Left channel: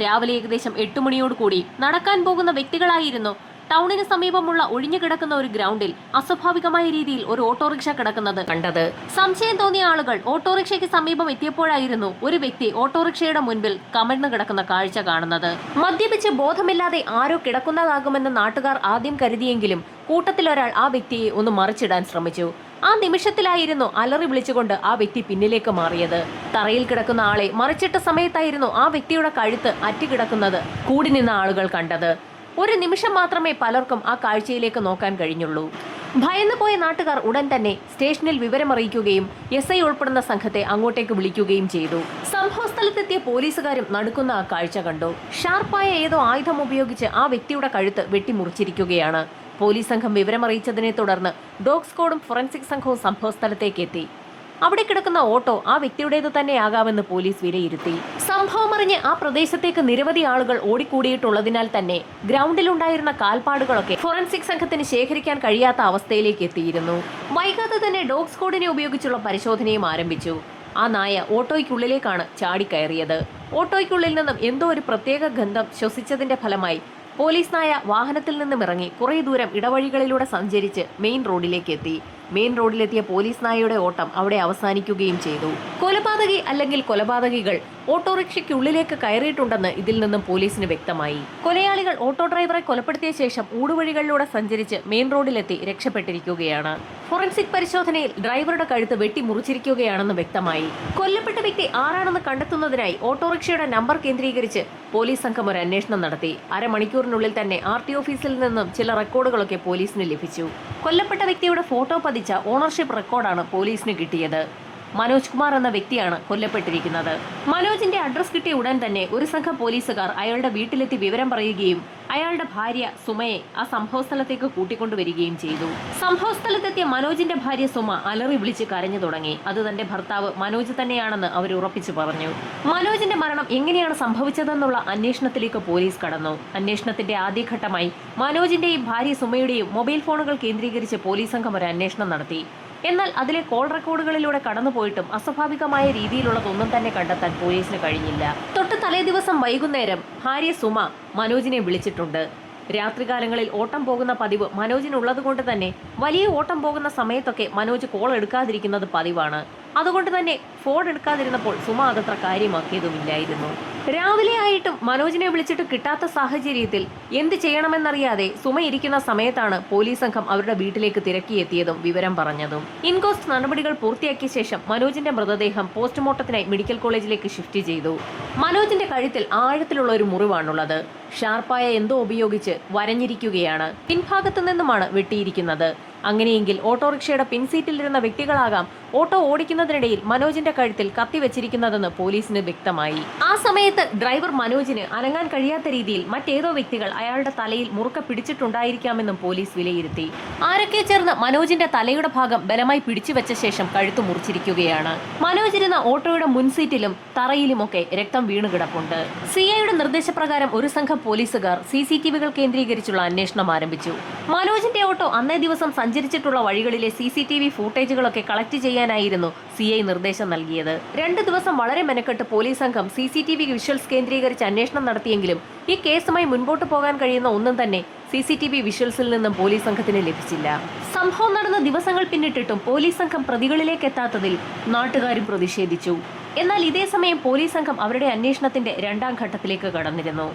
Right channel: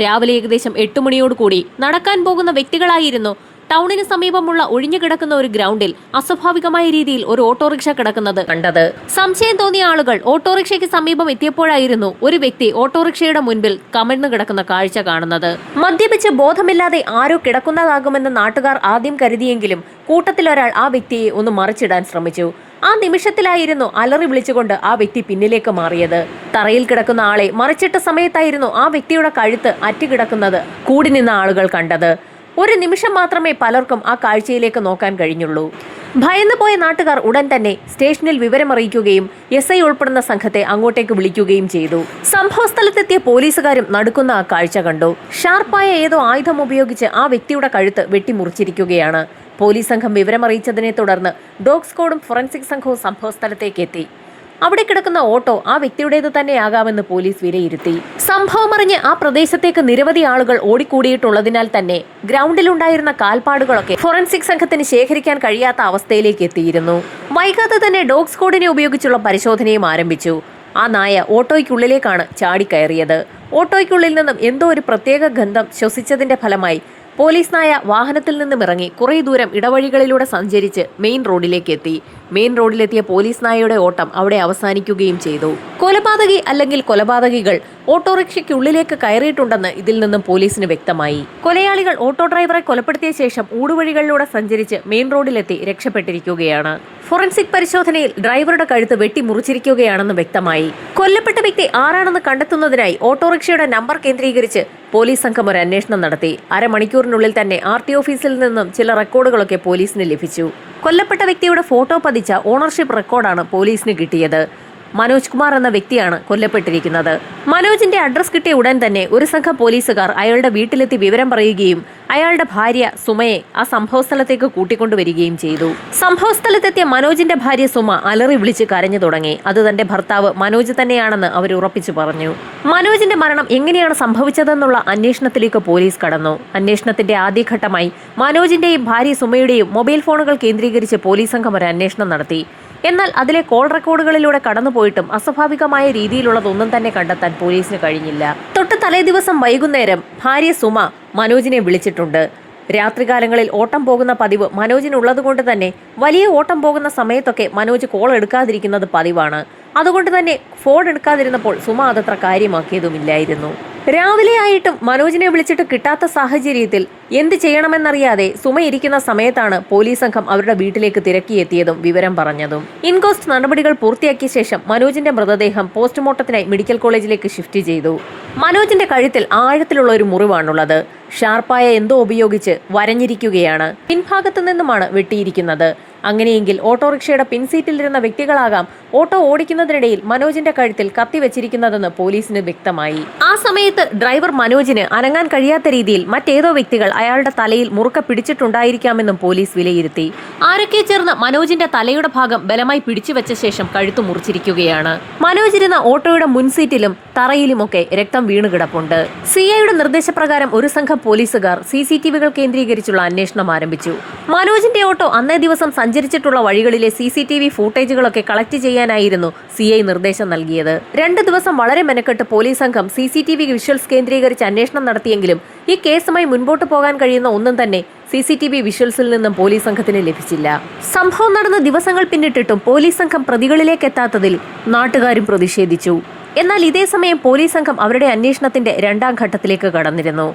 രാവിലെ ഏകദേശം എട്ട് മണിയോടുകൂടി നടക്കാൻ പോകുന്ന വ്യക്തികളായിരുന്നു. ടൗണിന് സമീപമുള്ള ഒഴിഞ്ഞു കിടക്കുന്ന ഒരു ഗ്രൗണ്ടിൽ അസ്വാഭാവികമായ രീതിയിൽ ഒരു ഓട്ടോറിക്ഷ കിടക്കുന്നത്. കണ്ടത്. സംശയം തോന്നിയ ആളുകൾ ഓട്ടോറിക്ഷയ്ക്ക് സമീപം എത്തിയപ്പോഴായിരുന്നു ഒരു വ്യക്തി ഓട്ടോറിക്ഷയുടെ മുൻപിൽ കമഴ്ന്നു കിടക്കുന്ന കാഴ്ച കാണുന്നത്. മദ്യപിച്ച് ബോധമില്ലാതെ ആരോ കിടക്കുന്നതാകുമെന്ന് നാട്ടുകാർ ആദ്യം കരുതിയെങ്കിലും കൂട്ടത്തിലൊരാൾ ആ വ്യക്തിയെ ഒന്ന് മറിച്ചിടാൻ ശ്രമിച്ചു. ആ നിമിഷത്തിലായിരുന്നു അലറി വിളിച്ചുകൊണ്ട് ആ വ്യക്തി പിന്നിലേക്ക് മാറിയത്. തറയിൽ കിടക്കുന്ന ആളെ മറിച്ചിട്ട സമയത്തായിരുന്നു ആ വ്യക്തിയുടെ കഴുത്ത് അറ്റുകിടക്കുന്നത് കൂടി നിന്ന ആളുകൾ കണ്ടത്. ഒരു നിമിഷം മാത്രമേ പലർക്കും ആ കാഴ്ചയിലേക്ക് നോക്കാൻ കഴിഞ്ഞുള്ളൂ. ഭയന്നു പോയ നാട്ടുകാർ ഉടൻ തന്നെ സ്റ്റേഷനിൽ വിവരമറിയിക്കുകയും എസ് ഐ ഉൾപ്പെടുന്ന സംഘത്തെ അങ്ങോട്ടേക്ക് വിളിക്കുകയും ചെയ്തു. സംഭവ സ്ഥലത്തെത്തിയ പോലീസുകാരും നടുക്കുന്ന ആ കാഴ്ച കണ്ടു. ഷാർപ്പായ ഏതോ ആയുധം ഉപയോഗിച്ച് ആ വ്യക്തിയുടെ കഴുത്ത് വെട്ടിമുറിച്ചിരിക്കുകയാണ്. പോലീസ് സംഘം വിവരമറിയിച്ചതിനെ തുടർന്ന് ഡോഗ് സ്ക്വാഡും ഫോറൻസിക് സംഘവും സംഭവസ്ഥലത്തേക്ക് എത്തി. അവിടെ കിടക്കുന്ന ഓട്ടോ ആ വ്യക്തിയുടേത് തന്നെയാകാമെന്ന് പോലീസ് വിലയിരുത്തി. സംഭവമറിഞ്ഞ് ആ പ്രദേശത്തേക്ക് നിരവധി ആളുകൾ ഓടിക്കൂടിയിട്ടുള്ളതിനാൽ തന്നെ ഗ്രൗണ്ടിലുണ്ടായിരുന്ന കാൽപ്പാടുകളൊക്കെ ഫോറൻസിക് സംഘത്തിന് ശേഖരിക്കാൻ കഴിയാത്ത അവസ്ഥയിലേക്ക് എത്തിയിരുന്നു. വൈകാതെ തന്നെ ഡോഗ് സ്ക്വാഡിനെ ഉപയോഗിച്ചുള്ള പരിശോധനയും ആരംഭിച്ചു. ആ നായ ഓട്ടോയ്ക്കുള്ളിലേക്കാണ് ചാടിക്കയറിയത്. ഓട്ടോയ്ക്കുള്ളിൽ നിന്നും എന്തോ ഒരു പ്രത്യേക ഗന്ധം ശ്വസിച്ചതിന്റെ ഫലമായി പോലീസ് നായ വാഹനത്തിൽ നിന്നും ഇറങ്ങി കുറേ ദൂരം ഇടവഴികളിലൂടെ സഞ്ചരിച്ച് മെയിൻ റോഡിലേക്ക് എത്തി മെയിൻ റോഡിലെത്തിയ പോലീസ് നായയുടെ ഓട്ടം അവിടെ അവസാനിക്കുകയും ചെയ്തു. കൊലപാതകി അല്ലെങ്കിൽ കൊലപാതകികൾ ഓട്ടോറിക്ഷയ്ക്കുള്ളിലേക്ക് കയറിയിട്ടുണ്ടെന്ന് ഇതിൽ നിന്നും പോലീസിന് വ്യക്തമായി. കൊലയാളികൾ ഓട്ടോ ഡ്രൈവറെ കൊലപ്പെടുത്തിയ ശേഷം ഊടുവഴികളിലൂടെ സഞ്ചരിച്ച് മെയിൻ റോഡിലെത്തി രക്ഷപ്പെട്ടിരിക്കുകയാണ്. ഫോറൻസിക് പരിശോധനയിൽ ഡ്രൈവറുടെ കഴുത്ത് വെട്ടി മുറിച്ചിരിക്കുകയാണെന്ന് വ്യക്തമായി. കൊല്ലപ്പെട്ട വ്യക്തി ആരാണെന്ന് കണ്ടെത്തുന്നതിനായി ഓട്ടോറിക്ഷയുടെ നമ്പർ കേന്ദ്രീകരിച്ച് പോലീസ് സംഘം ഒരു അന്വേഷണം നടത്തി. അരമണിക്കൂറിനുള്ളിൽ തന്നെ ആർ ടി ഓഫീസിൽ നിന്നും ചില റെക്കോർഡുകളൊക്കെ പോലീസിന് ലഭിച്ചു. കൊല്ലപ്പെട്ട വ്യക്തിയുടെ ഫോട്ടോ പതിച്ച ഓണർഷിപ്പ് റെക്കോർഡാണ് പോലീസിന് കിട്ടിയത്. മനോജ് കുമാർ എന്ന വ്യക്തിയാണ് കൊല്ലപ്പെട്ടിരിക്കുന്നത്. മനോജിന്റെ അഡ്രസ് കിട്ടിയ ഉടൻ തന്നെ ഒരു സംഘം പോലീസുകാർ അയാളുടെ വീട്ടിലെത്തി വിവരം പറയുകയും അയാളുടെ ഭാര്യ സുമയെ ആ സംഭവസ്ഥലത്തേക്ക് കൂട്ടിക്കൊണ്ടുവരികയും ചെയ്തു. സംഭവസ്ഥലത്തെത്തിയ മനോജിന്റെ ഭാര്യ സുമ അലറി വിളിച്ച് കരഞ്ഞു തുടങ്ങി. അത് തന്റെ ഭർത്താവ് മനോജ് തന്നെയാണെന്ന് അവർ ഉറപ്പിച്ചു പറഞ്ഞു. മനോജിന്റെ മരണം എങ്ങനെയാണ് സംഭവിച്ചതെന്നുള്ള അന്വേഷണത്തിലേക്ക് പോലീസ് കടന്നു. അന്വേഷണത്തിന്റെ ആദ്യഘട്ടമായി മനോജിന്റെയും ഭാര്യ സുമയുടെയും മൊബൈൽ ഫോണുകൾ കേന്ദ്രീകരിച്ച് പോലീസ് സംഘം ഒരു അന്വേഷണം നടത്തി. എന്നാൽ അതിലെ കോൾ റെക്കോർഡുകളിലൂടെ കടന്നുപോയിട്ടും അസ്വാഭാവികമായ രീതിയിലുള്ളതൊന്നും തന്നെ കണ്ടെത്താൻ പോലീസിന് കഴിഞ്ഞില്ല. തൊട്ട് തലേ ദിവസം വൈകുന്നേരം ഭാര്യ സുമ മനോജിനെ വിളിച്ചിട്ടുണ്ട്. രാത്രികാലങ്ങളിൽ ഓട്ടം പോകുന്ന പതിവ് മനോജിനുള്ളതുകൊണ്ട് തന്നെ വലിയ ഓട്ടം പോകുന്ന സമയത്തൊക്കെ മനോജ് കോൾ എടുക്കാതിരിക്കുന്നത് പതിവാണ്. അതുകൊണ്ട് തന്നെ ഫോൺ എടുക്കാതിരുന്നപ്പോൾ സുമ അതത്ര കാര്യമാക്കിയതുമില്ലായിരുന്നു. രാവിലെ ആയിട്ടും മനോജിനെ വിളിച്ചിട്ട് കിട്ടാത്ത സാഹചര്യത്തിൽ എന്ത് ചെയ്യണമെന്നറിയാതെ സുമ ഇരിക്കുന്ന സമയത്താണ് പോലീസ് സംഘം അവരുടെ വീട്ടിലേക്ക് തിരക്കിയെത്തിയതും വിവരം പറഞ്ഞതും. ഇൻകോസ്റ്റ് നടപടികൾ പൂർത്തിയാക്കിയ ശേഷം മനോജിന്റെ മൃതദേഹം പോസ്റ്റ്മോർട്ടത്തിനായി മെഡിക്കൽ കോളേജിലേക്ക് ഷിഫ്റ്റ് ചെയ്തു. മനോജിന്റെ കഴുത്തിൽ ആഴത്തിലുള്ള ഒരു മുറിവാണുള്ളത്. ഷാർപ്പായ എന്തോ ഉപയോഗിച്ച് വരഞ്ഞിരിക്കുകയാണ്. പിൻഭാഗത്തു നിന്നുമാണ് വെട്ടിയിരിക്കുന്നത്. അങ്ങനെയെങ്കിൽ ഓട്ടോറിക്ഷയുടെ പിൻസീറ്റിലിരുന്ന വ്യക്തികളാകാം ഓട്ടോ ഓടിക്കുന്നതിനിടയിൽ മനോജിന്റെ കഴുത്തിൽ കത്തി വെച്ചിരിക്കുന്നതെന്ന് പോലീസിന് വ്യക്തമായി. ആ സമയത്ത് ഡ്രൈവർ മനോജിന് അനങ്ങാൻ കഴിയാത്ത രീതിയിൽ മറ്റേതോ വ്യക്തികൾ അയാളുടെ തലയിൽ മുറുക്ക പിടിച്ചിട്ടുണ്ടായിരിക്കാമെന്നും പോലീസ് വിലയിരുത്തി. ആരൊക്കെ ചേർന്ന് മനോജിന്റെ തലയുടെ ഭാഗം ബലമായി പിടിച്ചുവെച്ച ശേഷം കഴുത്തു മുറിച്ചിരിക്കുകയാണ്. മനോജ് ഇരുന്ന ഓട്ടോയുടെ മുൻസീറ്റിലും തറയിലുമൊക്കെ രക്തം വീണു കിടപ്പുണ്ട് സി ഐയുടെ നിർദ്ദേശപ്രകാരം ഒരു സംഘം പോലീസുകാർ സി സി ടി വികൾ കേന്ദ്രീകരിച്ചുള്ള അന്വേഷണം ആരംഭിച്ചു. മനോജിന്റെ ഓട്ടോ അന്നേ ദിവസം സഞ്ചരിച്ചിട്ടുള്ള വഴികളിലെ സി സി ടി വി ഫൂട്ടേജുകളൊക്കെ കളക്ട് ചെയ്യാനായിരുന്നു സി ഐ നിർദ്ദേശം നൽകിയത്. രണ്ട് ദിവസം വളരെ മെനക്കെട്ട് പോലീസ് സംഘം C C T V visuals കേന്ദ്രീകരിച്ച് അന്വേഷണം നടത്തിയെങ്കിലും ഈ കേസുമായി മുൻപോട്ട് പോകാൻ കഴിയുന്ന ഒന്നും തന്നെ സി സി ടി വി വിഷ്വൽസിൽ നിന്നും പോലീസ് സംഘത്തിന് ലഭിച്ചില്ല. സംഭവം നടന്ന ദിവസങ്ങൾ പിന്നിട്ടിട്ടും പോലീസ് സംഘം പ്രതികളിലേക്ക് എത്താത്തതിൽ നാട്ടുകാരും പ്രതിഷേധിച്ചു. എന്നാൽ ഇതേ സമയം പോലീസ് സംഘം അവരുടെ അന്വേഷണത്തിന്റെ രണ്ടാം ഘട്ടത്തിലേക്ക് കടന്നിരുന്നു.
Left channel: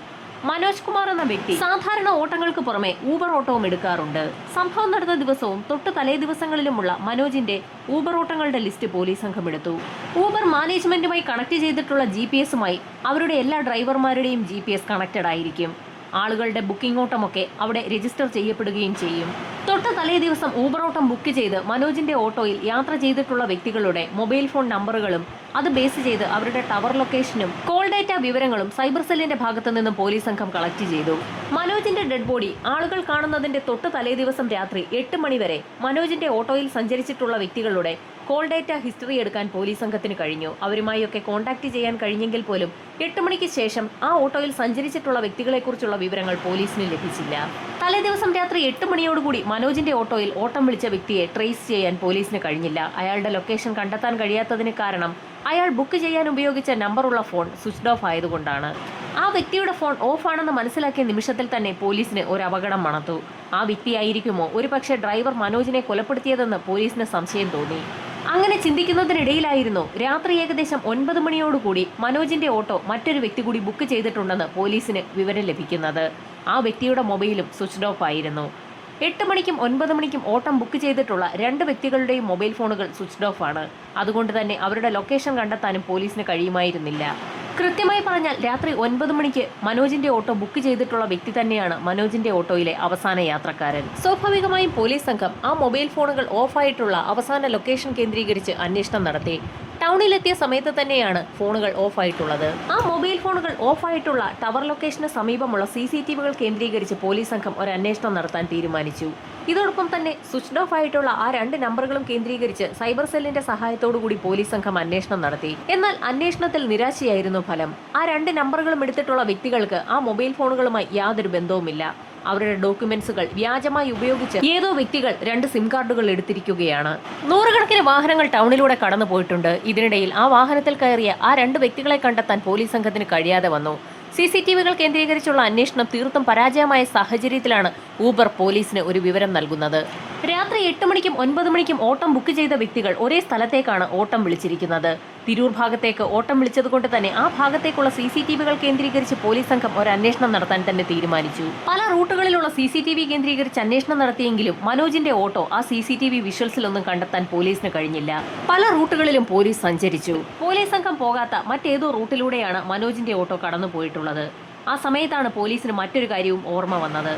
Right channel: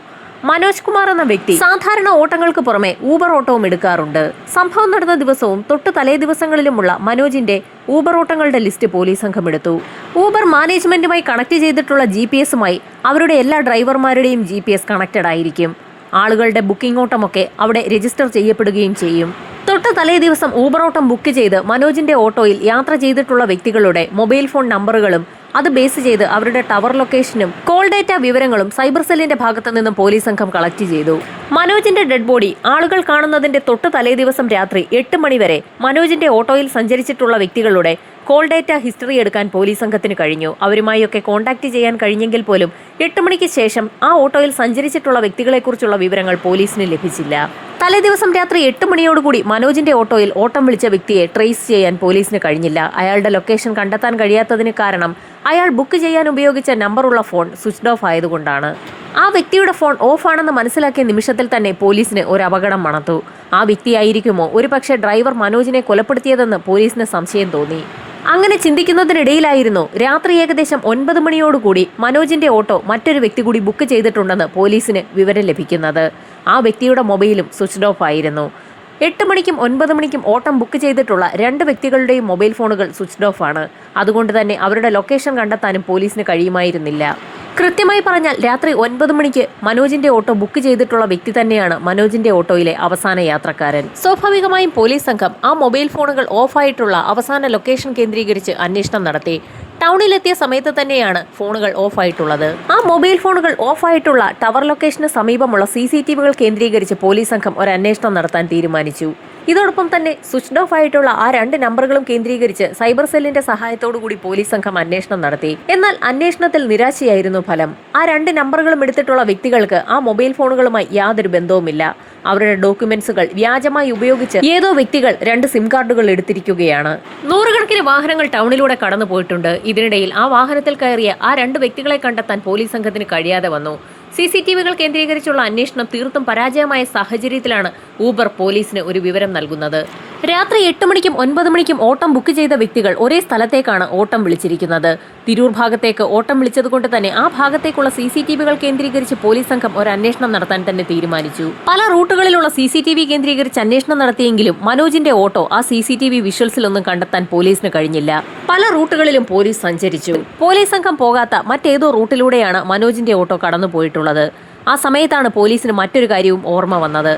മനോജ് കുമാർ എന്ന വ്യക്തി സാധാരണ ഓട്ടങ്ങൾക്ക് പുറമെ ഊബർ ഓട്ടവും എടുക്കാറുണ്ട്. സംഭവം നടന്ന ദിവസവും തൊട്ട് തലേ ദിവസങ്ങളിലുമുള്ള മനോജിന്റെ ഊബർ ഓട്ടങ്ങളുടെ ലിസ്റ്റ് പോലീസ് സംഘം എടുത്തു. ഊബർ മാനേജ്മെന്റുമായി കണക്ട് ചെയ്തിട്ടുള്ള ജി പി എസുമായി അവരുടെ എല്ലാ ഡ്രൈവർമാരുടെയും ജി പി എസ് കണക്റ്റഡ് ആയിരിക്കും. ആളുകളുടെ ബുക്കിംഗ് ഓട്ടമൊക്കെ അവിടെ രജിസ്റ്റർ ചെയ്യപ്പെടുകയും ചെയ്യും. തൊട്ട് തലേ ദിവസം ഊബർ ഓട്ടം ബുക്ക് ചെയ്ത് മനോജിന്റെ ഓട്ടോയിൽ യാത്ര ചെയ്തിട്ടുള്ള വ്യക്തികളുടെ മൊബൈൽ ഫോൺ നമ്പറുകളും അത് ബേസ് ചെയ്ത് അവരുടെ ടവർ ലൊക്കേഷനും കോൾ ഡേറ്റ വിവരങ്ങളും സൈബർ സെല്ലിന്റെ ഭാഗത്തു നിന്നും പോലീസ് സംഘം കളക്ട് ചെയ്തു. മനോജിന്റെ ഡെഡ് ബോഡി ആളുകൾ കാണുന്നതിന്റെ തൊട്ട് തലേ ദിവസം രാത്രി എട്ട് മണിവരെ മനോജിന്റെ ഓട്ടോയിൽ സഞ്ചരിച്ചിട്ടുള്ള വ്യക്തികളുടെ കോൾ ഡേറ്റ ഹിസ്റ്ററി എടുക്കാൻ പോലീസ് സംഘത്തിന് കഴിഞ്ഞു. അവരുമായൊക്കെ കോൺടാക്ട് ചെയ്യാൻ കഴിഞ്ഞെങ്കിൽ പോലും എട്ട് മണിക്ക് ശേഷം ആ ഓട്ടോയിൽ സഞ്ചരിച്ചിട്ടുള്ള വ്യക്തികളെക്കുറിച്ചുള്ള വിവരങ്ങൾ പോലീസിന് ലഭിച്ചില്ല. തലേദിവസം രാത്രി എട്ട് മണിയോടുകൂടി മനോജിന്റെ ഓട്ടോയിൽ ഓട്ടം വിളിച്ച വ്യക്തിയെ ട്രേസ് ചെയ്യാൻ പോലീസിന് കഴിഞ്ഞില്ല. അയാളുടെ ലൊക്കേഷൻ കണ്ടെത്താൻ കഴിയാത്തതിന് കാരണം അയാൾ ബുക്ക് ചെയ്യാൻ ഉപയോഗിച്ച നമ്പറുള്ള ഫോൺ സ്വിച്ച് ഓഫ് ആയതുകൊണ്ടാണ്. ആ വ്യക്തിയുടെ ഫോൺ ഓഫ് ആണെന്ന് മനസ്സിലാക്കിയ നിമിഷത്തിൽ തന്നെ പോലീസിന് ഒരു അപകടം മണത്തു. ആ വ്യക്തിയായിരിക്കുമോ? ഒരുപക്ഷെ ഡ്രൈവർ മനോജിനെ കൊലപ്പെടുത്തിയതെന്ന് പോലീസിന് സംശയം തോന്നി. അങ്ങനെ ചിന്തിക്കുന്നതിനിടയിലായിരുന്നു. രാത്രി ഏകദേശം ഒൻപത് മണിയോടുകൂടി മനോജിന്റെ ഓട്ടോ മറ്റൊരു വ്യക്തി കൂടി ബുക്ക് ചെയ്തിട്ടുണ്ടെന്ന് പോലീസിന് വിവരം ലഭിക്കുന്നത്. ആ വ്യക്തിയുടെ മൊബൈലും സ്വിച്ച്ഡ് ഓഫ് ആയിരുന്നു. എട്ട് മണിക്കും ഒൻപത് മണിക്കും ഓട്ടം ബുക്ക് ചെയ്തിട്ടുള്ള രണ്ട് വ്യക്തികളുടെയും മൊബൈൽ ഫോണുകൾ സ്വിച്ച്ഡ് ഓഫ് ആണ്. അതുകൊണ്ട് തന്നെ അവരുടെ ലൊക്കേഷൻ കണ്ടെത്താനും പോലീസിന് കഴിയുമായിരുന്നില്ല. കൃത്യമായി പറഞ്ഞാൽ രാത്രി ഒൻപത് മണിക്ക് മനോജിന്റെ ഓട്ടോ ബുക്ക് ചെയ്തിട്ടുള്ള വ്യക്തി തന്നെയാണ് മനോജിന്റെ ഓട്ടോയിലെ അവസാന യാത്രക്കാരൻ. സ്വാഭാവികമായും പോലീസ് സംഘം ആ മൊബൈൽ ഫോണുകൾ ഓഫായിട്ടുള്ള അവസാന ലൊക്കേഷൻ കേന്ദ്രീകരിച്ച് അന്വേഷണം നടത്തി. ടൗണിലെത്തിയ സമയത്ത് തന്നെയാണ് ഫോണുകൾ ഓഫായിട്ടുള്ളത് ആ മൊബൈൽ ഫോണുകൾ ഓഫായിട്ടുള്ള ടവർ ലൊക്കേഷന് സമീപമുള്ള സി കേന്ദ്രീകരിച്ച് പോലീസ് സംഘം ഒരു അന്വേഷണം നടത്താൻ തീരുമാനിച്ചു. ഇതോടൊപ്പം തന്നെ സ്വിച്ച്ഡ് ഓഫ് ആയിട്ടുള്ള ആ രണ്ട് നമ്പറുകളും കേന്ദ്രീകരിച്ച് സൈബർ സെല്ലിന്റെ സഹായത്തോടു കൂടി പോലീസ് സംഘം അന്വേഷണം നടത്തി. എന്നാൽ അന്വേഷണത്തിൽ നിരാശയായിരുന്നു ഫലം. ആ രണ്ട് നമ്പറുകളും എടുത്തിട്ടുള്ള വ്യക്തികൾക്ക് ആ മൊബൈൽ ഫോണുകളുമായി യാതൊരു ബന്ധവുമില്ല. അവരുടെ ഡോക്യുമെന്റ്സുകൾ വ്യാജമായി ഉപയോഗിച്ച് ഏതോ വ്യക്തികൾ രണ്ട് സിം കാർഡുകൾ എടുത്തിരിക്കുകയാണ്. നൂറുകണക്കിന് വാഹനങ്ങൾ ടൗണിലൂടെ കടന്നു പോയിട്ടുണ്ട് ഇതിനിടയിൽ ആ വാഹനത്തിൽ കയറിയ ആ രണ്ട് വ്യക്തികളെ കണ്ടെത്താൻ പോലീസ് സംഘത്തിന് കഴിയാതെ വന്നു. സി സി ടി വികൾ കേന്ദ്രീകരിച്ചുള്ള അന്വേഷണം തീർത്തും പരാജയമായ സാഹചര്യത്തിലാണ് ഊബർ പോലീസിന് ഒരു വിവരം നൽകുന്നത്. രാത്രി എട്ട് മണിക്കും ഒൻപത് മണിക്കും ഓട്ടം ബുക്ക് ചെയ്ത വ്യക്തികൾ ഒരേ സ്ഥലത്തേക്കാണ് ഓട്ടം വിളിച്ചിരിക്കുന്നത്. തിരൂർ ഭാഗത്തേക്ക് ഓട്ടം വിളിച്ചതുകൊണ്ട് തന്നെ ആ ഭാഗത്തേക്കുള്ള സി സി ടി വികൾ കേന്ദ്രീകരിച്ച് പോലീസ് സംഘം ഒരു അന്വേഷണം നടത്താൻ തന്നെ തീരുമാനിച്ചു. പല റൂട്ടുകളിലുള്ള സി സി ടി വി കേന്ദ്രീകരിച്ച് അന്വേഷണം നടത്തിയെങ്കിലും മനോജിന്റെ ഓട്ടോ ആ സി സി ടി വി വിഷ്വൽസിലൊന്നും കണ്ടെത്താൻ പോലീസിന് കഴിഞ്ഞില്ല. പല റൂട്ടുകളിലും പോലീസ് സഞ്ചരിച്ചു. പോലീസ് സംഘം പോകാത്ത മറ്റേതോ റൂട്ടിലൂടെയാണ് മനോജിന്റെ ഓട്ടോ കടന്നുപോയിട്ടുള്ളത്. ആ സമയത്താണ് പോലീസിന് മറ്റൊരു കാര്യവും ഓർമ്മ വന്നത്.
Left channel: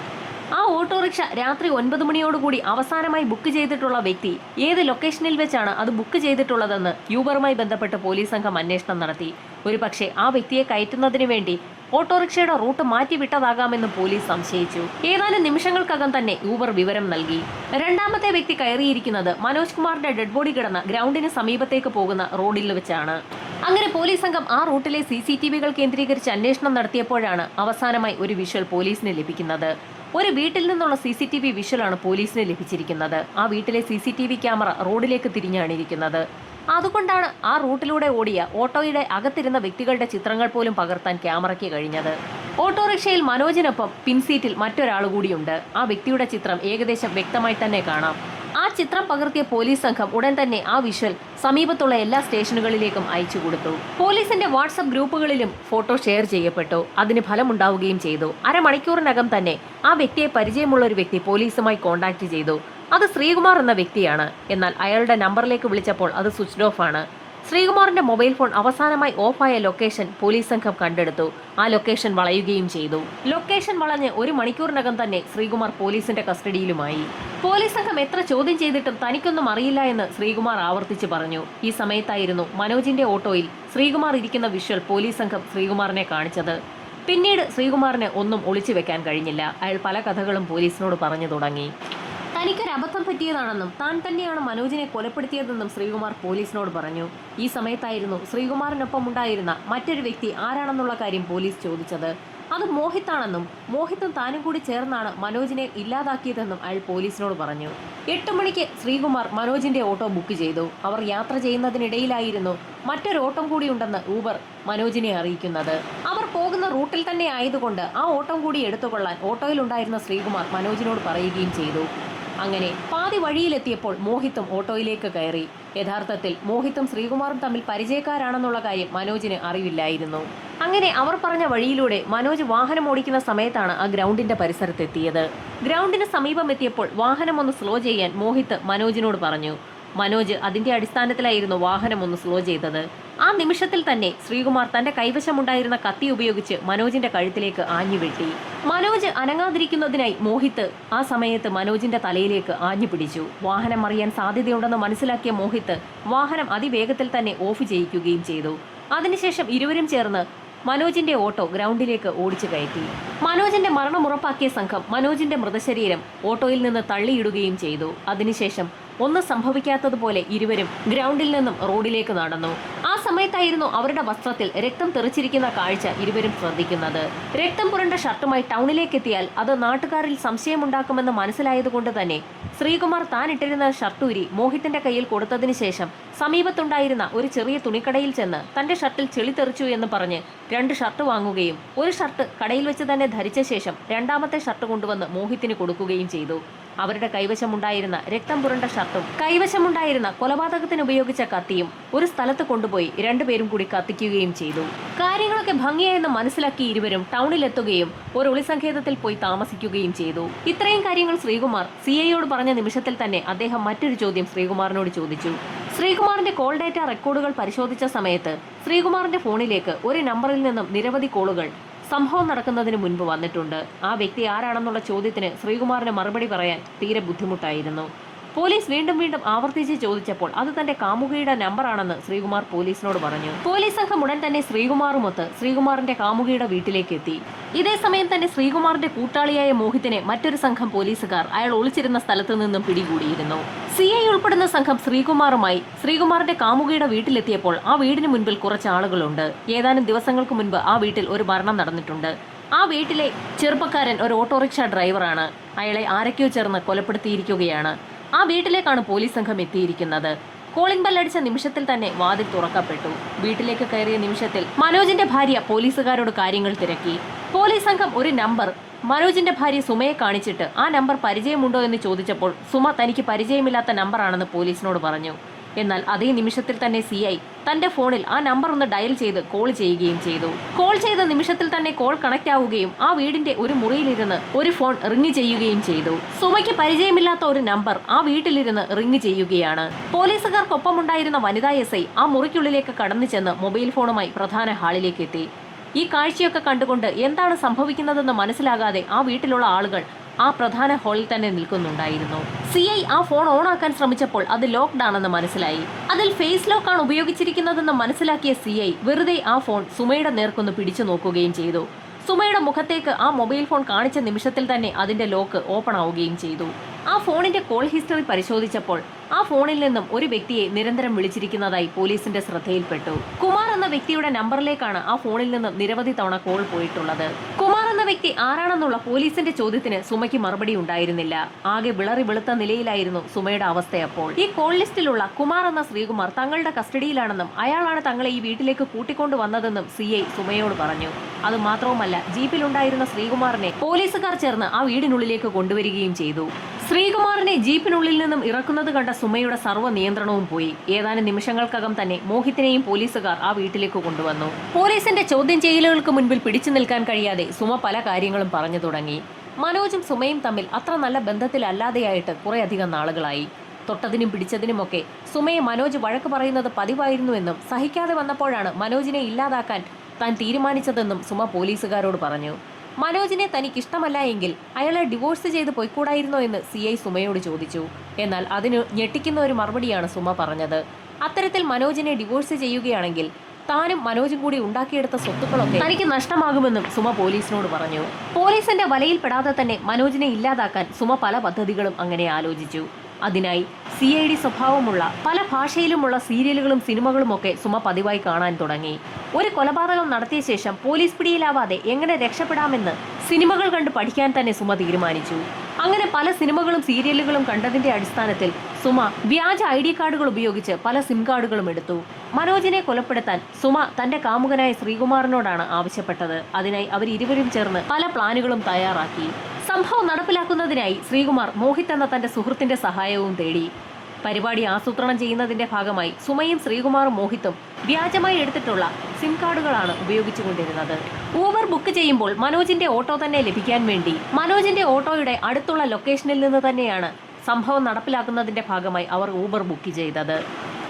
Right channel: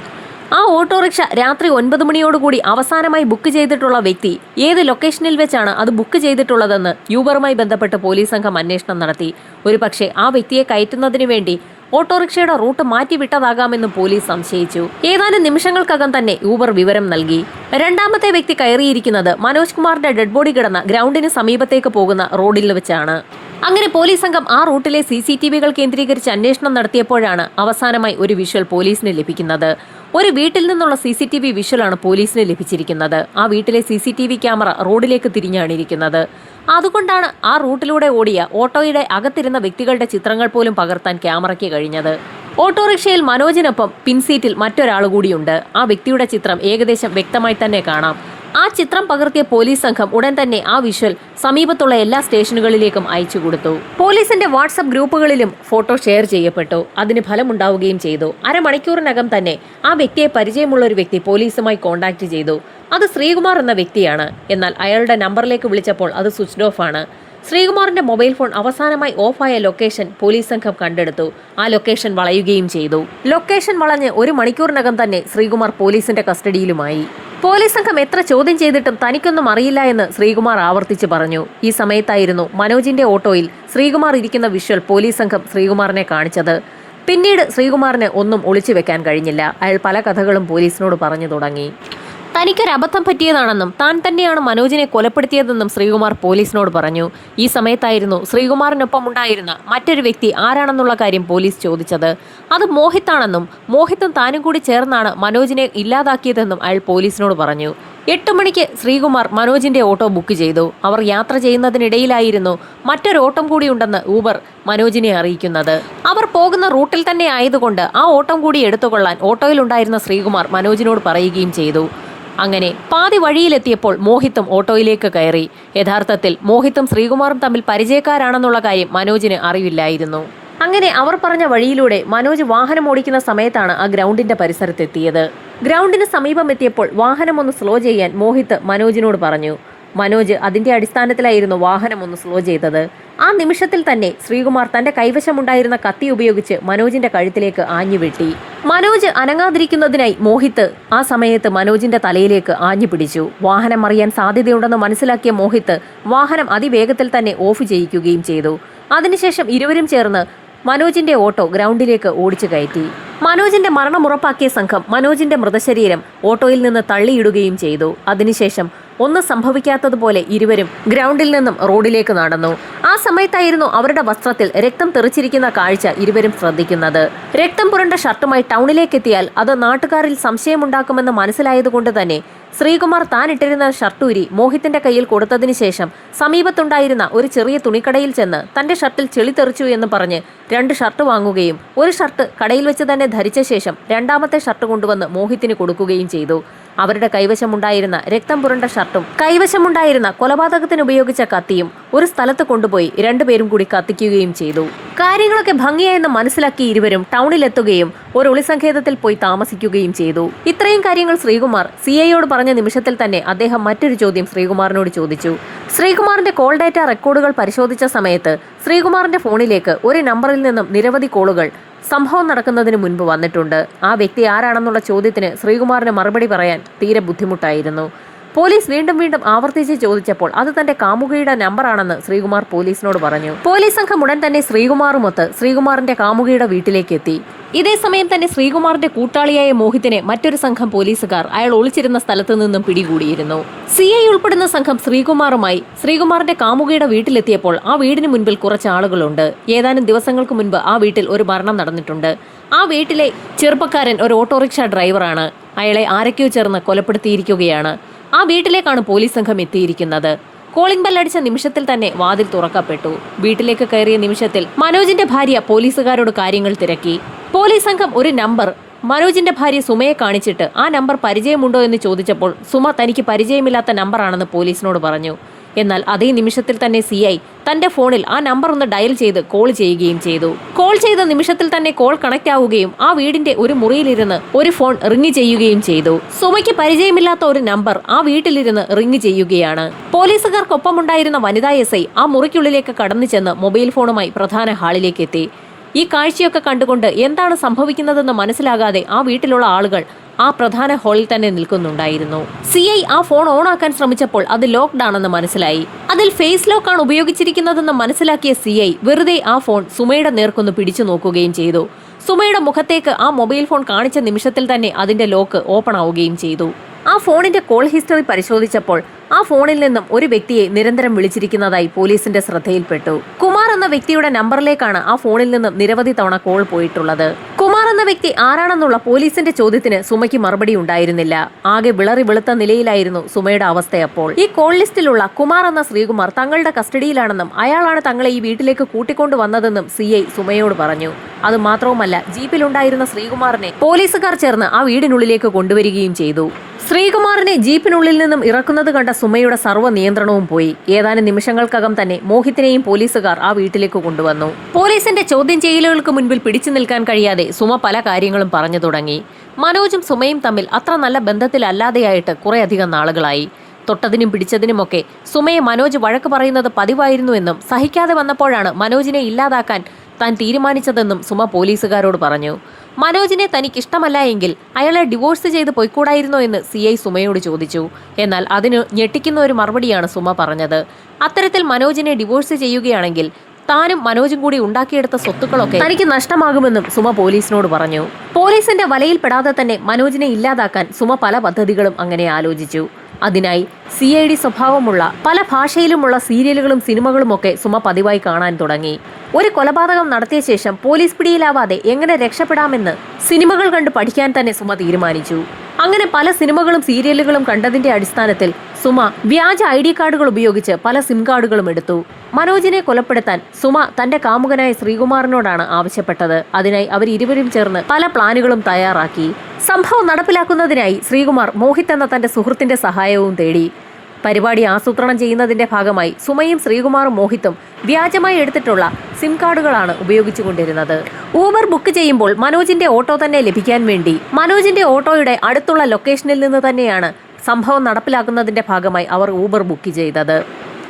ആ ഓട്ടോറിക്ഷ രാത്രി ഒൻപത് മണിയോടുകൂടി അവസാനമായി ബുക്ക് ചെയ്തിട്ടുള്ള വ്യക്തി ഏത് ലൊക്കേഷനിൽ വെച്ചാണ് അത് ബുക്ക് ചെയ്തിട്ടുള്ളതെന്ന് യൂബറുമായി ബന്ധപ്പെട്ട് പോലീസ് സംഘം അന്വേഷണം നടത്തി. ഒരുപക്ഷെ ആ വ്യക്തിയെ കയറ്റുന്നതിന് വേണ്ടി ഓട്ടോറിക്ഷയുടെ റൂട്ട് മാറ്റിവിട്ടതാകാമെന്ന് പോലീസ് സംശയിച്ചു. ഏതാനും നിമിഷങ്ങൾക്കകം തന്നെ യൂബർ വിവരം നൽകി. രണ്ടാമത്തെ വ്യക്തി കയറിയിരിക്കുന്നത് മനോജ് കുമാറിന്റെ ഡെഡ് ബോഡി കിടന്ന ഗ്രൗണ്ടിന് സമീപത്തേക്ക് പോകുന്ന റോഡിൽ വെച്ചാണ്. അങ്ങനെ പോലീസ് സംഘം ആ റൂട്ടിലെ സി സി ടി വികൾ കേന്ദ്രീകരിച്ച് അന്വേഷണം നടത്തിയപ്പോഴാണ് അവസാനമായി ഒരു വിഷ്വൽ പോലീസിന് ലഭിക്കുന്നത്. ഒരു വീട്ടിൽ നിന്നുള്ള സി സി ടി വി വിഷ്വലാണ് പോലീസിന് ലഭിച്ചിരിക്കുന്നത്. ആ വീട്ടിലെ C C T V camera റോഡിലേക്ക് തിരിഞ്ഞാണ് ഇരിക്കുന്നത് അതുകൊണ്ടാണ് ആ റൂട്ടിലൂടെ ഓടിയ ഓട്ടോയുടെ അകത്തിരുന്ന വ്യക്തികളുടെ ചിത്രങ്ങൾ പോലും പകർത്താൻ ക്യാമറയ്ക്ക് കഴിഞ്ഞത്. ഓട്ടോറിക്ഷയിൽ മനോജിനൊപ്പം പിൻസീറ്റിൽ മറ്റൊരാൾ കൂടിയുണ്ട്. ആ വ്യക്തിയുടെ ചിത്രം ഏകദേശം വ്യക്തമായി തന്നെ കാണാം. ആ ചിത്രം പകർത്തിയ പോലീസ് സംഘം ഉടൻ തന്നെ ആ വിഷ്വൽ സമീപത്തുള്ള എല്ലാ സ്റ്റേഷനുകളിലേക്കും അയച്ചു കൊടുത്തു. പോലീസിന്റെ വാട്സപ്പ് ഗ്രൂപ്പുകളിലും ഫോട്ടോ ഷെയർ ചെയ്യപ്പെട്ടു. അതിന് ഫലമുണ്ടാവുകയും ചെയ്തു. അരമണിക്കൂറിനകം തന്നെ ആ വ്യക്തിയെ പരിചയമുള്ള ഒരു വ്യക്തി പോലീസുമായി കോൺടാക്ട് ചെയ്തു. അത് ശ്രീകുമാർ എന്ന വ്യക്തിയാണ്. എന്നാൽ അയാളുടെ നമ്പറിലേക്ക് വിളിച്ചപ്പോൾ അത് സ്വിച്ച്ഡ് ഓഫ് ആണ്. ശ്രീകുമാറിന്റെ മൊബൈൽ ഫോൺ അവസാനമായി ഓഫായ ലൊക്കേഷൻ പോലീസ് സംഘം കണ്ടെടുത്തു. ആ ലൊക്കേഷൻ വളയുകയും ചെയ്തു. ലൊക്കേഷൻ വളഞ്ഞ് ഒരു മണിക്കൂറിനകം തന്നെ ശ്രീകുമാർ പോലീസിന്റെ കസ്റ്റഡിയിലുമായി. പോലീസ് സംഘം എത്ര ചോദ്യം ചെയ്തിട്ടും തനിക്കൊന്നും അറിയില്ല എന്ന് ശ്രീകുമാർ ആവർത്തിച്ച് പറഞ്ഞു. ഈ സമയത്തായിരുന്നു മനോജിന്റെ ഓട്ടോയിൽ ശ്രീകുമാർ ഇരിക്കുന്ന വിഷ്വൽ പോലീസ് സംഘം ശ്രീകുമാറിനെ കാണിച്ചത്. പിന്നീട് ശ്രീകുമാറിന് ഒന്നും ഒളിച്ചു വെക്കാൻ കഴിഞ്ഞില്ല. അയാൾ പല കഥകളും പോലീസിനോട് പറഞ്ഞു തുടങ്ങി. തനിക്കൊരു അബദ്ധം പറ്റിയതാണെന്നും താൻ തന്നെയാണ് മനോജിനെ കൊലപ്പെടുത്തിയതെന്നും ശ്രീകുമാർ പോലീസിനോട് പറഞ്ഞു. ഈ സമയത്തായിരുന്നു ശ്രീകുമാറിനൊപ്പം ഉണ്ടായിരുന്ന മറ്റൊരു വ്യക്തി ആരാണെന്നുള്ള കാര്യം പോലീസ് ചോദിച്ചത്. അത് മോഹിത്താണെന്നും മോഹിത്തും താനും കൂടി ചേർന്നാണ് മനോജിനെ ഇല്ലാതാക്കിയതെന്നും അയാൾ പോലീസിനോട് പറഞ്ഞു. എട്ട് മണിക്ക് ശ്രീകുമാർ മനോജിന്റെ ഓട്ടോ ബുക്ക് ചെയ്തു. അവർ യാത്ര ചെയ്യുന്നതിനിടയിലായിരുന്നു മറ്റൊരു ഓട്ടം കൂടിയുണ്ടെന്ന് ഊബർ മനോജിനെ അറിയിക്കുന്നത്. അവർ പോകുന്ന റൂട്ടിൽ തന്നെ ആയതുകൊണ്ട് ആ ഓട്ടം കൂടി എടുത്തുകൊള്ളാൻ ഓട്ടോയിലുണ്ടായിരുന്ന ശ്രീകുമാർ മനോജിനോട് പറയുകയും ചെയ്തു. അങ്ങനെ പാതി വഴിയിലെത്തിയപ്പോൾ മോഹിത്തും ഓട്ടോയിലേക്ക് കയറി. യഥാർത്ഥത്തിൽ മോഹിത്തും ശ്രീകുമാറും തമ്മിൽ പരിചയക്കാരാണെന്നുള്ള കാര്യം മനോജിന് അറിവില്ലായിരുന്നു. അങ്ങനെ അവർ പറഞ്ഞ വഴിയിലൂടെ മനോജ് വാഹനം ഓടിക്കുന്ന സമയത്താണ് ആ ഗ്രൗണ്ടിന്റെ പരിസരത്തെത്തിയത്. ഗ്രൗണ്ടിന് സമീപം എത്തിയപ്പോൾ വാഹനം ഒന്ന് സ്ലോ ചെയ്യാൻ മോഹിത്ത് മനോജിനോട് പറഞ്ഞു. മനോജ് അതിന്റെ അടിസ്ഥാനത്തിലായിരുന്നു വാഹനം ഒന്ന് സ്ലോ ചെയ്തത്. ആ നിമിഷത്തിൽ തന്നെ ശ്രീകുമാർ തന്റെ കൈവശമുണ്ടായിരുന്ന കത്തി ഉപയോഗിച്ച് മനോജിന്റെ കഴുത്തിലേക്ക് ആഞ്ഞു വെട്ടി മനോജ് അനങ്ങാതിരിക്കുന്നതിനായി മോഹിത്ത് ആ സമയത്ത് മനോജിന്റെ തലയിലേക്ക് ആഞ്ഞു പിടിച്ചു വാഹനം അറിയാൻ സാധ്യതയുണ്ടെന്ന് മനസ്സിലാക്കിയ മോഹിത്ത് വാഹനം അതിവേഗത്തിൽ തന്നെ ഓഫ് ചെയ്യിക്കുകയും ചെയ്തു. അതിനുശേഷം ഇരുവരും ചേർന്ന് മനോജിന്റെ ഓട്ടോ ഗ്രൗണ്ടിലേക്ക് ഓടിച്ചു കയറ്റി. മനോജിന്റെ മരണം ഉറപ്പാക്കിയ സംഘം മനോജിന്റെ മൃതശരീരം ഓട്ടോയിൽ നിന്ന് തള്ളിയിടുകയും ചെയ്തു. അതിനുശേഷം ഒന്നും സംഭവിക്കാത്തതുപോലെ ഇരുവരും ഗ്രൗണ്ടിൽ നിന്നും റോഡിലേക്ക് നടന്നു. ആ സമയത്തായിരുന്നു അവരുടെ വസ്ത്രത്തിൽ രക്തം തെറിച്ചിരിക്കുന്ന കാഴ്ച ഇരുവരും ശ്രദ്ധിക്കുന്നത്. രക്തം പുരണ്ട ഷർട്ടുമായി ടൗണിലേക്ക് എത്തിയാൽ അത് നാട്ടുകാരിൽ സംശയമുണ്ടാക്കുമെന്ന് മനസ്സിലായതുകൊണ്ട് തന്നെ ശ്രീകുമാർ താൻ ഇട്ടിരുന്ന ഷർട്ടൂരി മോഹിത്തിന്റെ കയ്യിൽ കൊടുത്തതിനു ശേഷം സമീപത്തുണ്ടായിരുന്ന ഒരു ചെറിയ തുണിക്കടയിൽ ചെന്ന് തന്റെ ഷർട്ടിൽ ചെളി തെറിച്ചു എന്ന് പറഞ്ഞ് രണ്ട് ഷർട്ട് വാങ്ങുകയും ഒരു ഷർട്ട് കടയിൽ വെച്ച് തന്നെ ധരിച്ച ശേഷം രണ്ടാമത്തെ ഷർട്ട് കൊണ്ടുവന്ന് മോഹിത്തിന് കൊടുക്കുകയും ചെയ്തു. അവരുടെ കൈവശമുണ്ടായിരുന്ന രക്തം പുരണ്ട ഷർട്ടും കൈവശമുണ്ടായിരുന്ന കൊലപാതകത്തിന് ഉപയോഗിച്ച കത്തിയും ഒരു സ്ഥലത്ത് കൊണ്ടുപോയി രണ്ടുപേരും കൂടി കത്തിക്കുകയും ചെയ്തു. കാര്യങ്ങളൊക്കെ ഭംഗിയായെന്ന് മനസ്സിലാക്കി ഇരുവരും ടൗണിലെത്തുകയും ഒരു ഒളിസങ്കേതത്തിൽ പോയി താമസിക്കുകയും ചെയ്തു. ഇത്രയും കാര്യങ്ങൾ ശ്രീകുമാർ സി ഐയോട് പറഞ്ഞ നിമിഷത്തിൽ തന്നെ അദ്ദേഹം മറ്റൊരു ചോദ്യം ശ്രീകുമാറിനോട് ചോദിച്ചു. ശ്രീകുമാറിന്റെ കോൾ ഡാറ്റ റെക്കോർഡുകൾ പരിശോധിച്ച സമയത്ത് ശ്രീകുമാറിന്റെ ഫോണിലേക്ക് ഒരു നമ്പറിൽ നിന്നും നിരവധി കോളുകൾ സംഭവം നടക്കുന്നതിന് മുൻപ് വന്നിട്ടുണ്ട്. ആ വ്യക്തി ആരാണെന്നുള്ള ചോദ്യത്തിന് ശ്രീകുമാറിന് മറുപടി പറയാൻ തീരെ ബുദ്ധിമുട്ടായിരുന്നു. പോലീസ് വീണ്ടും വീണ്ടും ആവർത്തിച്ച് ചോദിച്ചപ്പോൾ അത് തന്റെ കാമുകിയുടെ നമ്പറാണെന്ന് ശ്രീകുമാർ പോലീസിനോട് പറഞ്ഞു. പോലീസ് സംഘം ഉടൻ തന്നെ ശ്രീകുമാറുമൊത്ത് ശ്രീകുമാറിന്റെ കാമുകിയുടെ വീട്ടിലേക്ക് എത്തി. ഇതേ സമയം തന്നെ ശ്രീകുമാറിന്റെ കൂട്ടാളിയായ മോഹിത്തിനെ മറ്റൊരു സംഘം പോലീസുകാർ അയാൾ ഒളിച്ചിരുന്ന സ്ഥലത്ത് നിന്നും പിടികൂടിയിരുന്നു. സി ഐ ഉൾപ്പെടുന്ന സംഘം ശ്രീകുമാറുമായി ശ്രീകുമാറിന്റെ കാമുകിയുടെ വീട്ടിലെത്തിയപ്പോൾ ആ വീടിന് മുൻപിൽ കുറച്ച് ആളുകളുണ്ട്. ഏതാനും ദിവസങ്ങൾക്ക് മുൻപ് ആ വീട്ടിൽ ഒരു മരണം നടന്നിട്ടുണ്ട്. ആ വീട്ടിലെ ചെറുപ്പക്കാരൻ ഒരു ഓട്ടോറിക്ഷ ഡ്രൈവറാണ്. അയാളെ ആരൊക്കെയോ ചേർന്ന് കൊലപ്പെടുത്തിയിരിക്കുകയാണ്. ആ വീട്ടിലേക്കാണ് പോലീസ് സംഘം എത്തിയിരിക്കുന്നത്. കോളിംഗ് ബെല്ലടിച്ച നിമിഷത്തിൽ തന്നെ വാതിൽ തുറക്കപ്പെട്ടു. വീട്ടിലേക്ക് കയറിയ നിമിഷത്തിൽ മനോജിന്റെ ഭാര്യ പോലീസുകാരോട് കാര്യങ്ങൾ തിരക്കി. പോലീസ് സംഘം ഒരു നമ്പർ. മനോജിന്റെ ഭാര്യ സുമയെ കാണിച്ചിട്ട് ആ നമ്പർ പരിചയമുണ്ടോ എന്ന് ചോദിച്ചപ്പോൾ സുമ തനിക്ക് പരിചയമില്ലാത്ത നമ്പറാണെന്ന് പോലീസിനോട് പറഞ്ഞു. എന്നാൽ അതേ നിമിഷത്തിൽ തന്നെ സി ഐ തന്റെ ഫോണിൽ ആ നമ്പർ ഒന്ന് ഡയൽ ചെയ്ത് കോൾ ചെയ്യുകയും ചെയ്തു. കോൾ ചെയ്ത നിമിഷത്തിൽ തന്നെ കോൾ കണക്ട് ആവുകയും ആ വീടിന്റെ ഒരു മുറിയിലിരുന്ന് ഒരു ഫോൺ റിങ് ചെയ്യുകയും ചെയ്തു. സുമയ്ക്ക് പരിചയമില്ലാത്ത ഒരു നമ്പർ ആ വീട്ടിലിരുന്ന് റിങ് ചെയ്യുകയാണ്. പോലീസുകാർക്കൊപ്പമുണ്ടായിരുന്ന വനിതാ എസ് ഐ ആ മുറിക്കുള്ളിലേക്ക് കടന്നു ചെന്ന് മൊബൈൽ ഫോണുമായി പ്രധാന ഹാളിലേക്ക് എത്തി ഈ കാഴ്ചയൊക്കെ കണ്ടുകൊണ്ട് എന്താണ് സംഭവിക്കുന്നതെന്ന് മനസ്സിലാകാതെ ആ വീട്ടിലുള്ള ആളുകൾ ആ പ്രധാന ഹാളിൽ തന്നെ നിൽക്കുന്നുണ്ടായിരുന്നു. സി ഐ ആ ഫോൺ ഓൺ ആക്കാൻ ശ്രമിച്ചപ്പോൾ അത് ലോക്ക്ഡ് ആണെന്ന് മനസ്സിലായി. അതിൽ ഫേസ് ലോക്ക് ആണ് ഉപയോഗിച്ചിരിക്കുന്നതെന്ന് മനസ്സിലാക്കിയ സി ഐ വെറുതെ ആ ഫോൺ സുമയുടെ നേർക്കൊന്ന് പിടിച്ചു നോക്കുകയും ചെയ്തു. സുമയുടെ മുഖത്തേക്ക് ആ മൊബൈൽ ഫോൺ കാണിച്ച നിമിഷത്തിൽ തന്നെ അതിന്റെ ലോക്ക് ഓപ്പൺ ആവുകയും ചെയ്തു. ആ ഫോണിന്റെ കോൾ ഹിസ്റ്ററി പരിശോധിച്ചപ്പോൾ ആ ഫോണിൽ നിന്നും ഒരു വ്യക്തിയെ നിരന്തരം വിളിച്ചിരിക്കുന്നതായി പോലീസിന്റെ ശ്രദ്ധയിൽപ്പെട്ടു. കുമാർ എന്ന വ്യക്തിയുടെ നമ്പറിലേക്കാണ് ആ ഫോണിൽ നിന്നും നിരവധി തവണ കോൾ പോയിട്ടുള്ളത്. കുമാർ വ്യക്തി ആരാണെന്നുള്ള പോലീസിന്റെ ചോദ്യത്തിന് സുമയ്ക്ക് മറുപടി ഉണ്ടായിരുന്നില്ല. ആകെ വിളറി വെളുത്ത നിലയിലായിരുന്നു സുമയുടെ അവസ്ഥയപ്പോൾ ഈ കോൾ ലിസ്റ്റിലുള്ള കുമാർ എന്ന ശ്രീകുമാർ തങ്ങളുടെ കസ്റ്റഡിയിലാണെന്നും അയാളാണ് തങ്ങളെ ഈ വീട്ടിലേക്ക് കൂട്ടിക്കൊണ്ടു വന്നതെന്നും സി ഐ സുമയോട് പറഞ്ഞു. അത് മാത്രവുമല്ല ജീപ്പിലുണ്ടായിരുന്ന ശ്രീകുമാറിനെ പോലീസുകാർ ചേർന്ന് ആ വീടിനുള്ളിലേക്ക് കൊണ്ടുവരികയും ചെയ്തു. ശ്രീകുമാറിനെ ജീപ്പിനുള്ളിൽ നിന്നും ഇറക്കുന്നത് കണ്ട സുമയുടെ സർവ നിയന്ത്രണവും പോയി. ഏതാനും നിമിഷങ്ങൾക്കകം തന്നെ മോഹിത്തിനെയും പോലീസുകാർ ആ വീട്ടിലേക്ക് കൊണ്ടുവന്നു. പോലീസിന്റെ ചോദ്യം ചെയ്യലുകൾക്ക് മുൻപിൽ പിടിച്ചു നിൽക്കാൻ കഴിയാതെ സുമ പല കാര്യങ്ങളും പറഞ്ഞു തുടങ്ങി. മനോജും സുമയും തമ്മിൽ അത്ര നല്ല ബന്ധത്തിലല്ലാതെയായിട്ട് കുറേയധികം നാളുകളായി. തൊട്ടതിനും പിടിച്ചതിനുമൊക്കെ സുമയെ മനോജ് വഴക്ക് പറയുന്നത് പതിവായിരുന്നുവെന്നും സഹിക്കാതെ വന്നപ്പോഴാണ് മനോജിനെ ഇല്ലാതാക്കാൻ താൻ തീരുമാനിച്ചതെന്നും സുമ പോലീസുകാരോട് പറഞ്ഞു. മനോജിനെ തനിക്ക് ഇഷ്ടമല്ല എങ്കിൽ അയാളെ ഡിവോഴ്സ് ചെയ്ത് പോയിക്കൂടായിരുന്നോ എന്ന് സി ഐ സുമയോട് ചോദിച്ചു. എന്നാൽ അതിന് ഞെട്ടിക്കുന്ന ഒരു മറുപടിയാണ് സുമ പറഞ്ഞത്. അത്തരത്തിൽ മനോജിനെ ഡിവോഴ്സ് ചെയ്യുകയാണെങ്കിൽ താനും മനോജും കൂടി ഉണ്ടാക്കിയെടുത്ത സ്വത്തുക്കളൊക്കെ തനിക്ക് നഷ്ടമാകുമെന്നും സുമ പോലീസിനോട് പറഞ്ഞു. പോലീസിന്റെ വലയിൽപ്പെടാതെ തന്നെ മനോജിനെ ഇല്ലാതാക്കാൻ സുമ പല പദ്ധതികളും അങ്ങനെ ആലോചിച്ചു. അതിനായി സി ഐ ഡി സ്വഭാവമുള്ള പല ഭാഷയിലുമുള്ള സീരിയലുകളും സിനിമകളുമൊക്കെ സുമ പതിവായി കാണാൻ തുടങ്ങി. ഒരു കൊലപാതകം നടത്തിയ ശേഷം പോലീസ് പിടിയിലാവാതെ എങ്ങനെ രക്ഷപ്പെടാമെന്ന് സിനിമകൾ കണ്ട് പഠിക്കാൻ തന്നെ സുമ തീരുമാനിച്ചു. അങ്ങനെ പല സിനിമകളും സീരിയലുകളും കണ്ടതിന്റെ അടിസ്ഥാനത്തിൽ സുമ വ്യാജ ഐ ഡി കാർഡുകൾ ഉപയോഗിച്ച് പല സിം കാർഡുകളും എടുത്തു. മനോജിനെ കൊലപ്പെടുത്താൻ സുമ തന്റെ കാമുകനായ ശ്രീകുമാറിനോടാണ് ആവശ്യപ്പെട്ടത്. അതിനായി അവർ ഇരുവരും ചേർന്ന് പല പ്ലാനുകളും തയ്യാറാക്കി. സംഭവം നടപ്പിലാക്കുന്നതിനായി ശ്രീകുമാർ മോഹിത് എന്ന തന്റെ സുഹൃത്തിന്റെ സഹായവും തേടി. പരിപാടി ആസൂത്രണം ചെയ്യുന്നതിന്റെ ഭാഗമായി സുമയും ശ്രീകുമാറും മോഹിത്തും വ്യാജമായി എടുത്തിട്ടുള്ള സിം കാർഡുകളാണ് ഉപയോഗിച്ചുകൊണ്ടിരുന്നത് ഊബർ ബുക്ക് ചെയ്യുമ്പോൾ മനോജിന്റെ ഓട്ടോ തന്നെ ലഭിക്കാൻ വേണ്ടി മനോജിന്റെ ഓട്ടോയുടെ അടുത്തുള്ള ലൊക്കേഷനിൽ നിന്ന് തന്നെയാണ് സംഭവം നടപ്പിലാക്കുന്നതിന്റെ ഭാഗമായി അവർ ഊബർ ബുക്ക് ചെയ്തത്.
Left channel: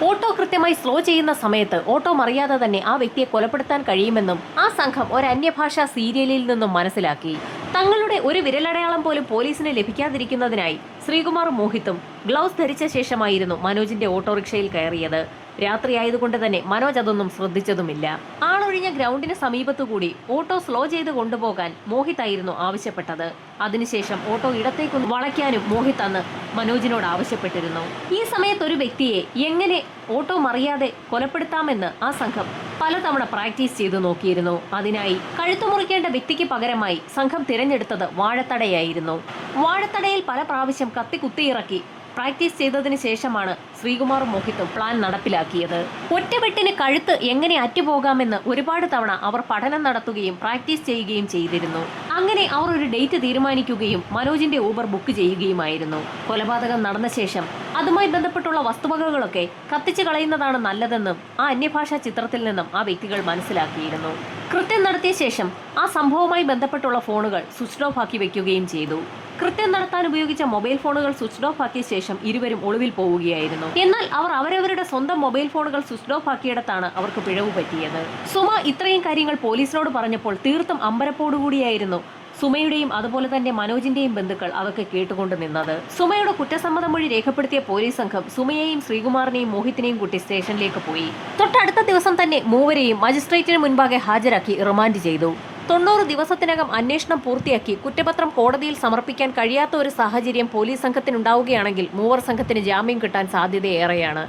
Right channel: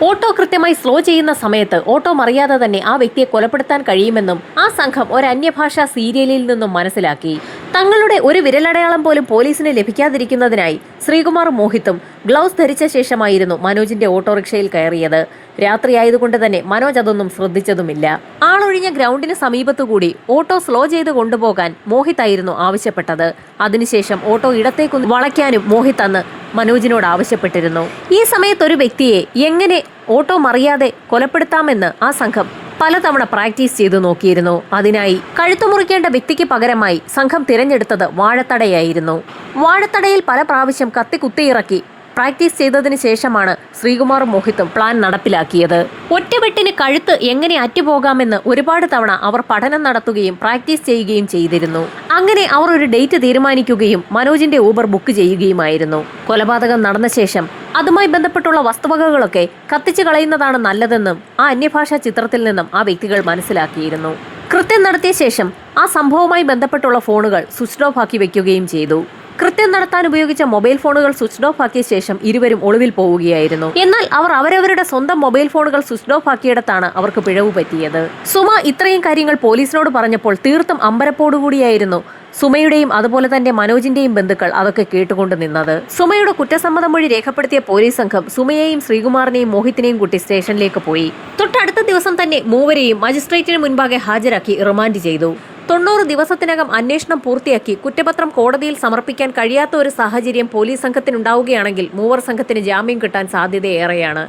ഓട്ടോ കൃത്യമായി സ്ലോ ചെയ്യുന്ന സമയത്ത് ഓട്ടോ മറിയാതെ തന്നെ ആ വ്യക്തിയെ കൊലപ്പെടുത്താൻ കഴിയുമെന്നും ആ സംഘം ഒരു അന്യഭാഷാ സീരിയലിൽ നിന്നും മനസ്സിലാക്കി. തങ്ങളുടെ ഒരു വിരലടയാളം പോലും പോലീസിന് ലഭിക്കാതിരിക്കുന്നതിനായി ശ്രീകുമാർ മോഹിത്തും ഗ്ലൗസ് ധരിച്ച ശേഷമായിരുന്നു മനോജിന്റെ ഓട്ടോറിക്ഷയിൽ കയറിയത്. രാത്രിയായതുകൊണ്ട് തന്നെ മനോജ് അതൊന്നും ശ്രദ്ധിച്ചതുമില്ല. ആളൊഴിഞ്ഞ ഗ്രൗണ്ടിന് സമീപത്തുകൂടി ഓട്ടോ സ്ലോ ചെയ്ത് കൊണ്ടുപോകാൻ മോഹിത് ആയിരുന്നു ആവശ്യപ്പെട്ടത്. അതിനുശേഷം ഓട്ടോ ഇടത്തേക്ക് വളയ്ക്കാനും മോഹിത് അന്ന് മനോജിനോട് ആവശ്യപ്പെട്ടിരുന്നു. ഈ സമയത്ത് ഒരു വ്യക്തിയെ എങ്ങനെ ഓട്ടോ മറിയാതെ കൊലപ്പെടുത്താമെന്ന് ആ സംഘം പലതവണ പ്രാക്ടീസ് ചെയ്തു നോക്കിയിരുന്നു. അതിനായി കഴുത്തു മുറിക്കേണ്ട വ്യക്തിക്ക് പകരമായി സംഘം തിരഞ്ഞെടുത്തത് വാഴത്തടയായിരുന്നു. വാഴത്തടയിൽ പല പ്രാവശ്യം കത്തി കുത്തിയിറക്കി പ്രാക്ടീസ് ചെയ്തതിനു ശേഷമാണ് ശ്രീകുമാറും മോഹിത്തും പ്ലാൻ നടപ്പിലാക്കിയത്. ഒറ്റവെട്ടിന് കഴുത്ത് എങ്ങനെ അറ്റുപോകാമെന്ന് ഒരുപാട് തവണ അവർ പഠനം നടത്തുകയും പ്രാക്ടീസ് ചെയ്യുകയും ചെയ്തിരുന്നു. അങ്ങനെ അവർ ഒരു ഡേറ്റ് തീരുമാനിക്കുകയും മനോജിന്റെ ഊബർ ബുക്ക് ചെയ്യുകയുമായിരുന്നു. കൊലപാതകം നടന്ന ശേഷം അതുമായി ബന്ധപ്പെട്ടുള്ള വസ്തുവകകളൊക്കെ കത്തിച്ചു കളയുന്നതാണ് നല്ലതെന്നും ആ അന്യഭാഷാ ചിത്രത്തിൽ നിന്നും ആ വ്യക്തികൾ മനസ്സിലാക്കിയിരുന്നു. കൃത്യം നടത്തിയ ശേഷം ആ സംഭവവുമായി ബന്ധപ്പെട്ടുള്ള ഫോണുകൾ സ്വിച്ച് ഓഫ് ആക്കി വെക്കുകയും ചെയ്തു. കൃത്യം നടത്താൻ ഉപയോഗിച്ച മൊബൈൽ ഫോണുകൾ സ്വിച്ച് ഓഫ് ആക്കിയ ശേഷം ഇരുവരും ഒളിവിൽ പോവുകയായിരുന്നു. എന്നാൽ അവർ അവരവരുടെ സ്വന്തം മൊബൈൽ ഫോണുകൾ സ്വിച്ച് ഓഫ് ആക്കിയിടത്താണ് അവർക്ക് പിഴവ് പറ്റിയത്. സുമ ഇത്രയും കാര്യങ്ങൾ പോലീസിനോട് പറഞ്ഞപ്പോൾ തീർത്തും അമ്പരപ്പോടുകൂടിയായിരുന്നു സുമയുടെയും അതുപോലെ തന്നെ മനോജിന്റെയും ബന്ധുക്കൾ അതൊക്കെ കേട്ടുകൊണ്ട് നിന്നത്. സുമയുടെ കുറ്റസമ്മതം വഴി രേഖപ്പെടുത്തിയ പോലീസ് സംഘം സുമയെയും ശ്രീകുമാറിനെയും മോഹിത്തിനെയും കൂട്ടി സ്റ്റേഷനിലേക്ക് പോയി. തൊട്ടടുത്ത ദിവസം തന്നെ മൂവരെയും മജിസ്ട്രേറ്റിന് മുൻപാകെ ഹാജരാക്കി റിമാൻഡ് ചെയ്തു. തൊണ്ണൂറ് ദിവസത്തിനകം അന്വേഷണം പൂർത്തിയാക്കി കുറ്റപത്രം കോടതിയിൽ സമർപ്പിക്കാൻ കഴിയാത്ത ഒരു സാഹചര്യം പോലീസ് സംഘത്തിനുണ്ടാവുകയാണെങ്കിൽ മൂവർ സംഘത്തിന് ജാമ്യം കിട്ടാൻ സാധ്യതയേറെയാണ്.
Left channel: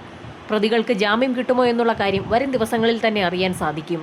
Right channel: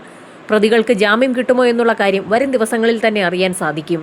പ്രതികൾക്ക് ജാമ്യം കിട്ടുമോ എന്നുള്ള കാര്യം വരും ദിവസങ്ങളിൽ തന്നെ അറിയാൻ സാധിക്കും.